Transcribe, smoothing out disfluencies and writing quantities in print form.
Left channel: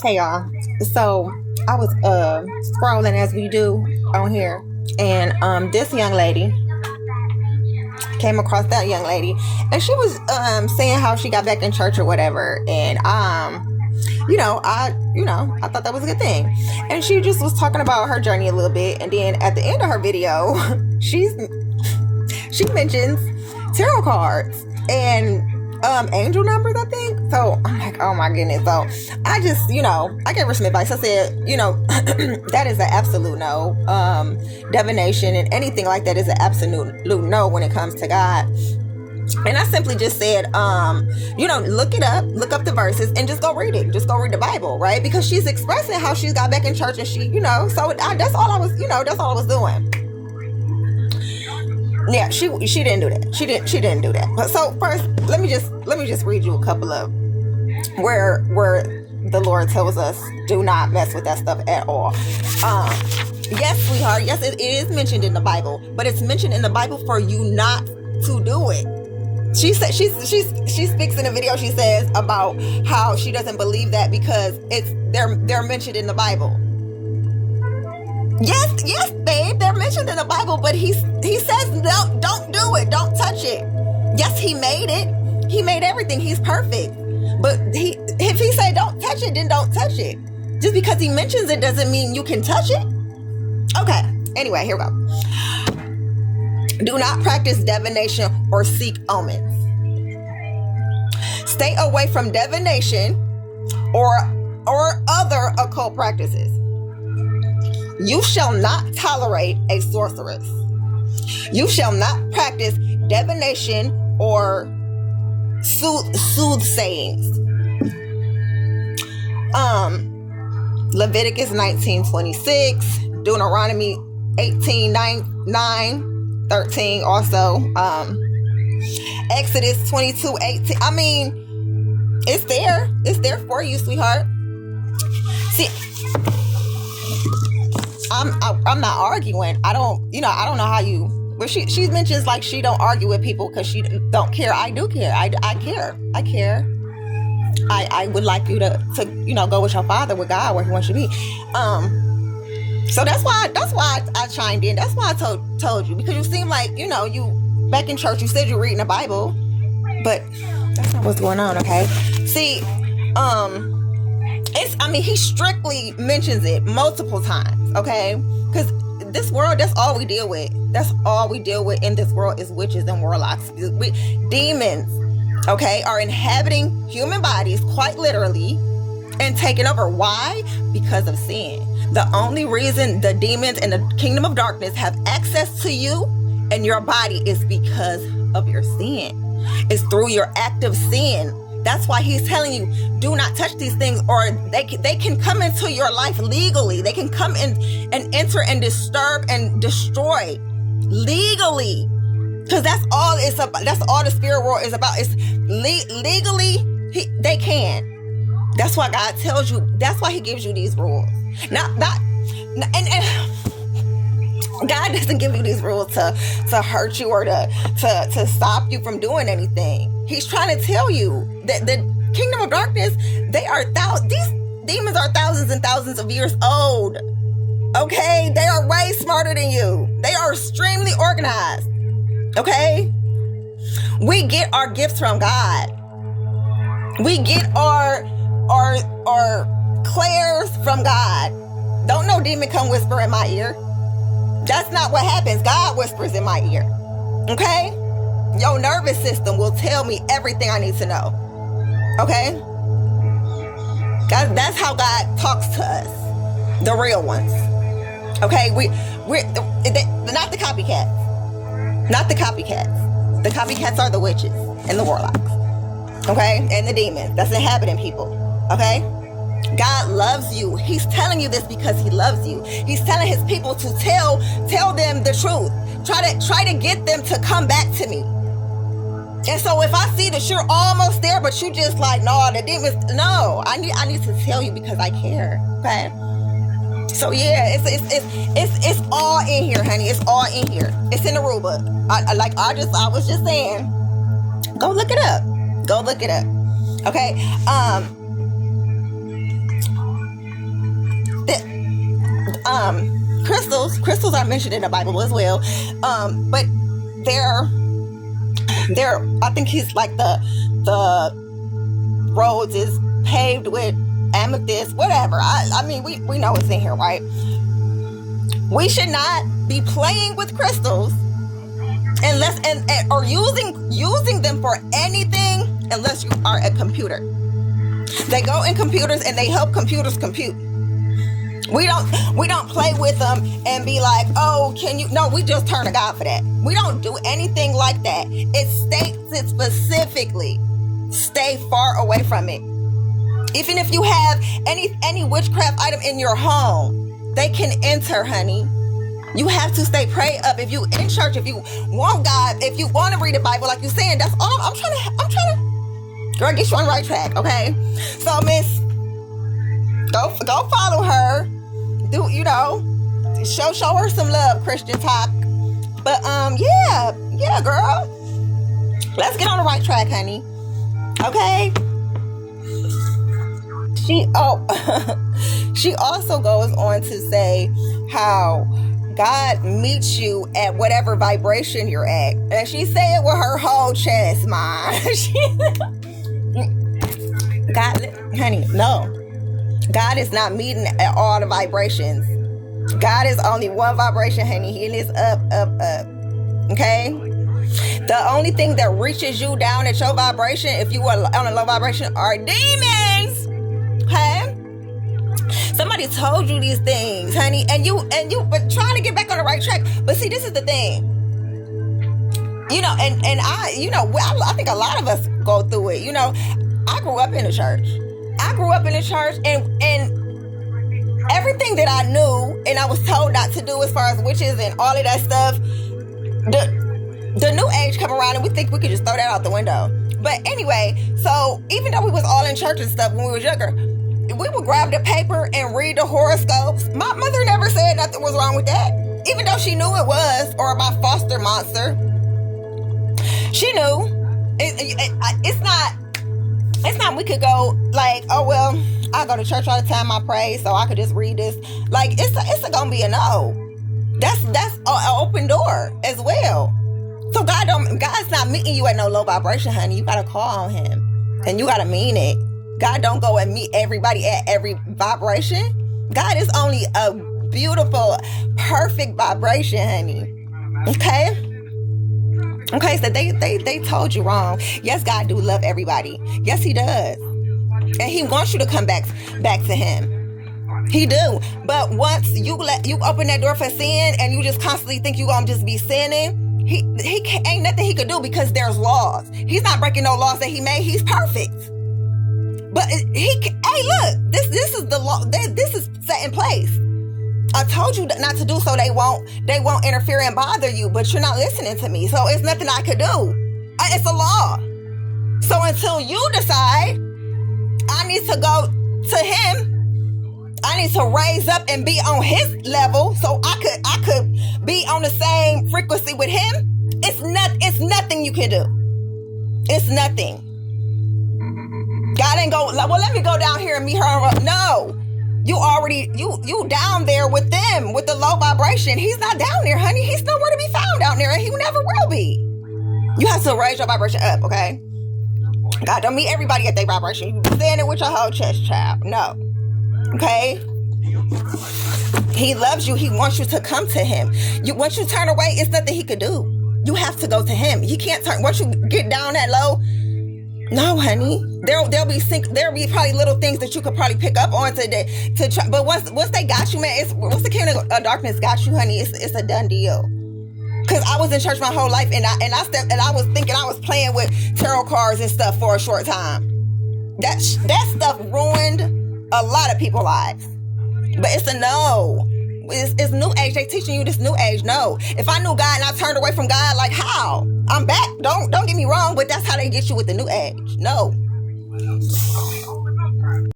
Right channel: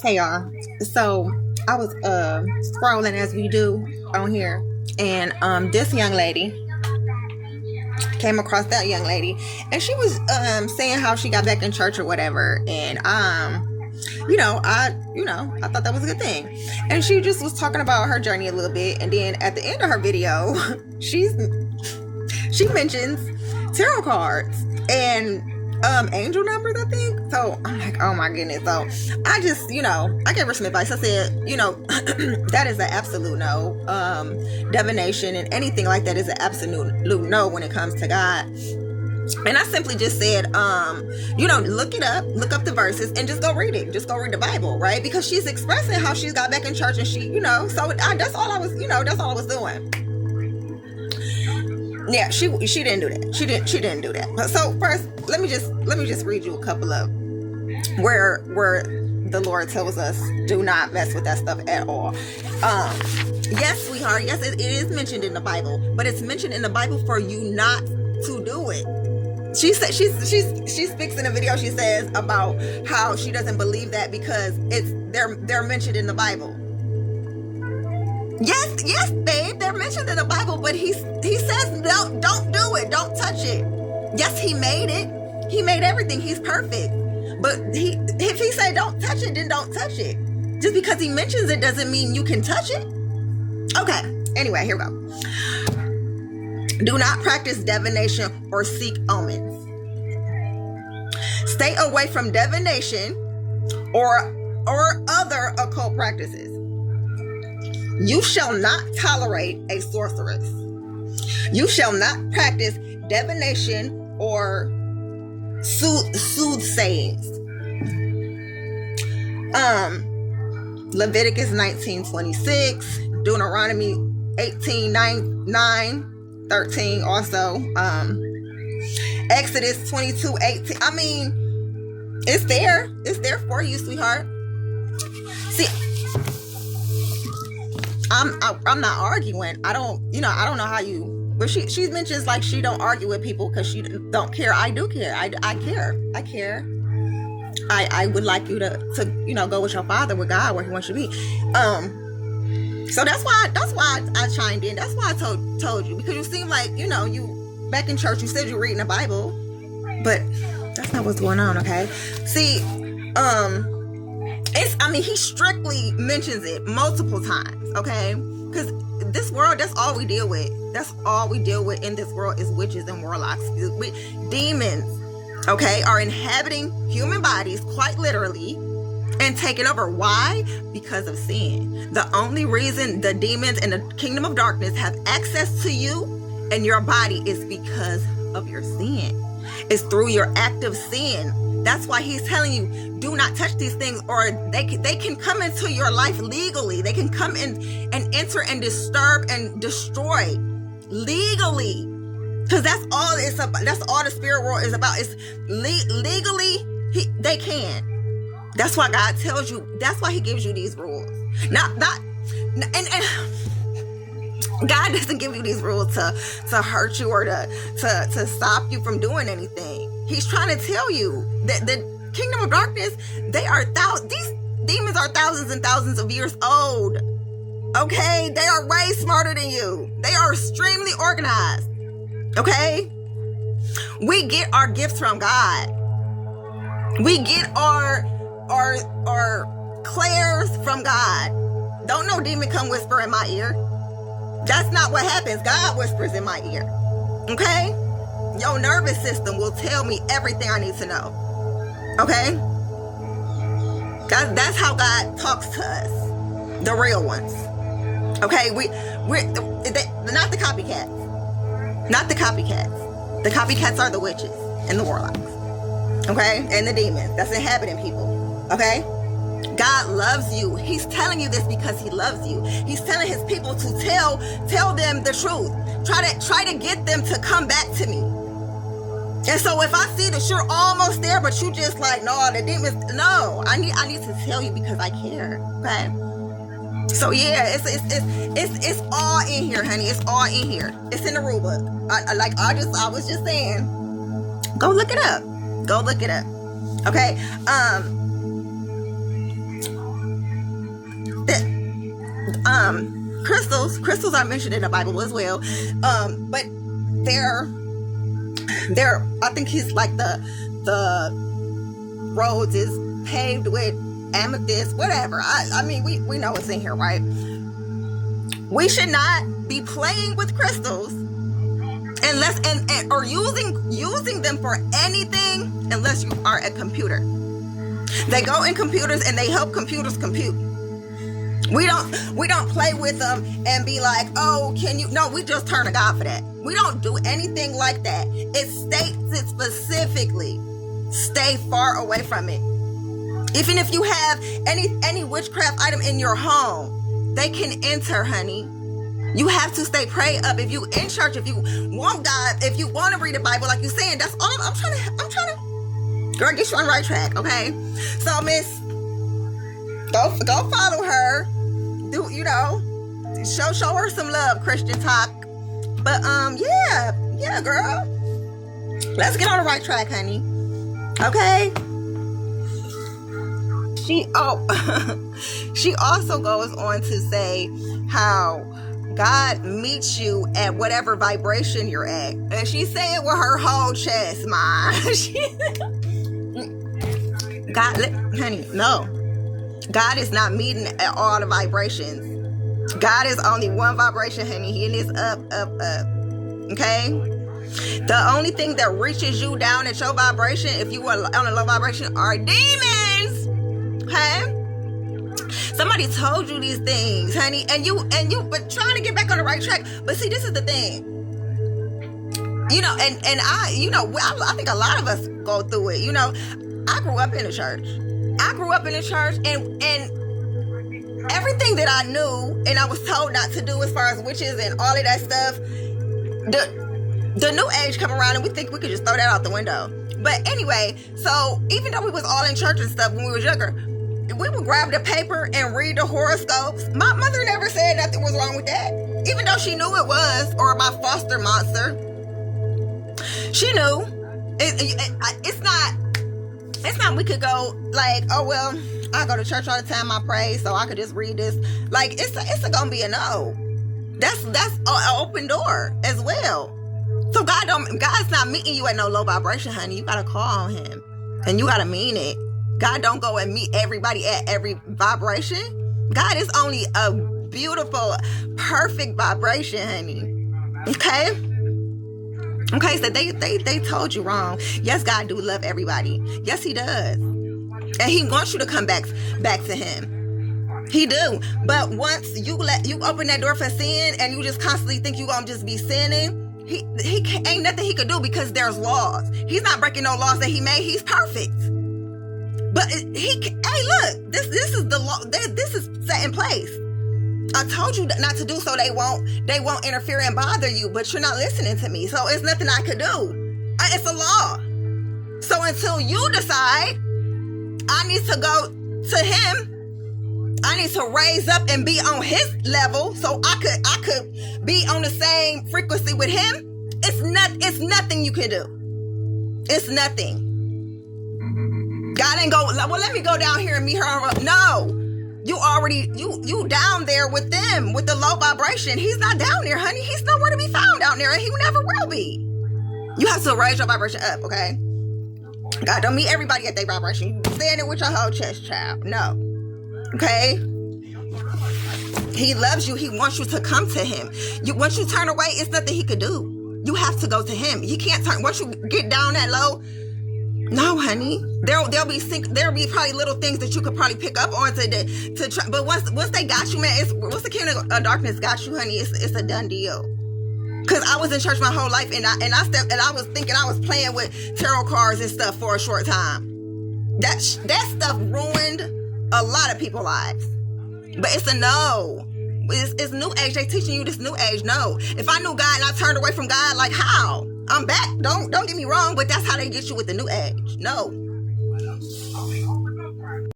Hey y'all. So I was scrolling as we do on here, and this young lady came across that young lady, and she was saying how she got back in church or whatever, and I thought that was a good thing, and she just was talking about her journey a little bit, and then at the end of her video, she mentions tarot cards and angel numbers, I think. So I'm like, oh my goodness. So I just, I gave her some advice. I said, that is an absolute no. Divination and anything like that is an absolute no when it comes to God. And I simply just said, look it up, look up the verses, and just go read it. Just go read the Bible, right? Because she's expressing how she's got back in church, and she, so that's all I was doing. Yeah, she didn't do that. She didn't do that. But so first, let me just read you a couple of where the Lord tells us do not mess with that stuff at all. Yes, sweetheart. Yes, it is mentioned in the Bible, but it's mentioned in the Bible for you not to do it. She said she speaks in a video. She says about how she doesn't believe that because they're mentioned in the Bible. Yes, babe, they're mentioned in the Bible, but he says no, don't do it, don't touch it. Yes, he made it. He made everything. He's perfect. But if he say don't touch it, then don't touch it. Just because he mentions it doesn't mean you can touch it. Okay. Anyway, here we go. Do not practice divination or seek omens. Stay away from divination or other occult practices. You shall not tolerate a sorceress. You shall not practice divination or soothsayings. Leviticus 19:26, Deuteronomy 18:9-13 also. Exodus 22:18. I mean, it's there. It's there for you, sweetheart. See, I'm not arguing. I don't know how you. But she mentions like she don't argue with people because she don't care. I do care. I care. I care. I would like you to go with your father, with God, where he wants you to be. So that's why I chimed in. That's why I told you, because you seem like you back in church. You said you're reading the Bible, but that's not what's going on. Okay. See, he strictly mentions it multiple times. Okay, because this world, that's all we deal with. That's all we deal with in this world is witches and warlocks. Demons, okay, are inhabiting human bodies quite literally and taking over. Why? Because of sin. The only reason the demons and the kingdom of darkness have access to you and your body is because of your sin. It's through your active sin. That's why he's telling you, do not touch these things, or they can come into your life legally. They can come in and enter and disturb and destroy legally. Because that's all it's about. That's all the spirit world is about. It's legally, they can. That's why God tells you. That's why he gives you these rules. And God doesn't give you these rules to hurt you or to stop you from doing anything. He's trying to tell you that the kingdom of darkness, these demons are thousands and thousands of years old. Okay? They are way smarter than you. They are extremely organized. Okay? We get our gifts from God. We get our clairs from God. Don't no demon come whisper in my ear. That's not what happens. God whispers in my ear. Okay? Your nervous system will tell me everything I need to know. Okay? That's how God talks to us. The real ones. Okay? We're not the copycats. Not the copycats. The copycats are the witches and the warlocks. Okay? And the demons that's inhabiting people. Okay? God loves you. He's telling you this because he loves you. He's telling his people to tell them the truth. Try to get them to come back to me. And so if I see that you're almost there, but you just like, no, the demons, no, I need to tell you because I care. Okay. So yeah, it's all in here, honey. It's all in here. It's in the rule book. I was just saying, go look it up. Go look it up. Okay. Crystals are mentioned in the Bible as well. But they're I think he's like the roads is paved with amethyst, whatever. I mean, we know it's in here, right? We should not be playing with crystals unless or using them for anything unless you are a computer. They go in computers and they help computers compute. We don't play with them and be like, oh, can you? No, we just turn to God for that. We don't do anything like that. It states it specifically. Stay far away from it. Even if you have any witchcraft item in your home, they can enter, honey. You have to stay prayed up. If you in church, if you want God, if you want to read the Bible, like you're saying, that's all I'm trying to, girl, get you on the right track, okay? So, miss, go follow her. Do, show her some love, Christian talk. But, yeah, girl. Let's get on the right track, honey. Okay? She also goes on to say how God meets you at whatever vibration you're at. And she say it with her whole chest, man. Honey, no. God is not meeting at all the vibrations. God is only one vibration, honey. He is up. Okay? The only thing that reaches you down at your vibration, if you are on a low vibration, are demons. Okay? Somebody told you these things, honey, and you but trying to get back on the right track. But see, this is the thing. I think a lot of us go through it. I grew up in the church. And everything that I knew and I was told not to do as far as witches and all of that stuff, the new age come around and we think we could just throw that out the window. But anyway, so even though we was all in church and stuff when we was younger, we would grab the paper and read the horoscopes. My mother never said nothing was wrong with that. Even though she knew it was, or my foster monster. She knew. It's not we could go like, oh, well, I go to church all the time, I pray, so I could just read this. Like, it's gonna be a no. That's an open door as well. So God's not meeting you at no low vibration, honey. You gotta call on him. And you gotta mean it. God don't go and meet everybody at every vibration. God is only a beautiful, perfect vibration, honey. Okay? Okay, so they told you wrong. Yes, God do love everybody. Yes, he does. And he wants you to come back to him. He do. But once you open that door for sin and you just constantly think you gonna just be sinning, he ain't nothing he could do because there's laws. He's not breaking no laws that he made. He's perfect. But hey, look, this is the law. This is set in place. I told you not to do so they won't interfere and bother you, but you're not listening to me. So it's nothing I could do. It's a law. So until you decide I need to go to him, I need to raise up and be on his level so I could be on the same frequency with him. It's nothing you can do. It's nothing. God ain't go, well, let me go down here and meet her. No. You down there with them, with the low vibration. He's not down there, honey. He's nowhere to be found down there, and he never will be. You have to raise your vibration up, okay? God don't meet everybody at their vibration. You stand it with your whole chest, child. No. Okay? He loves you. He wants you to come to him. Once you turn away, it's nothing he could do. You have to go to him. He can't turn. Once you get down that low, no, honey. There'll be probably little things that you could probably pick up on to try. But once they got you, man, once the kingdom of darkness got you, honey, it's a done deal. Cause I was in church my whole life, and I was thinking I was playing with tarot cards and stuff for a short time. That stuff ruined a lot of people's lives. But it's a no. It's new age. They teaching you this new age. No. If I knew God and I turned away from God, like how? I'm back. Don't get me wrong, but that's how they get you with the new age. No.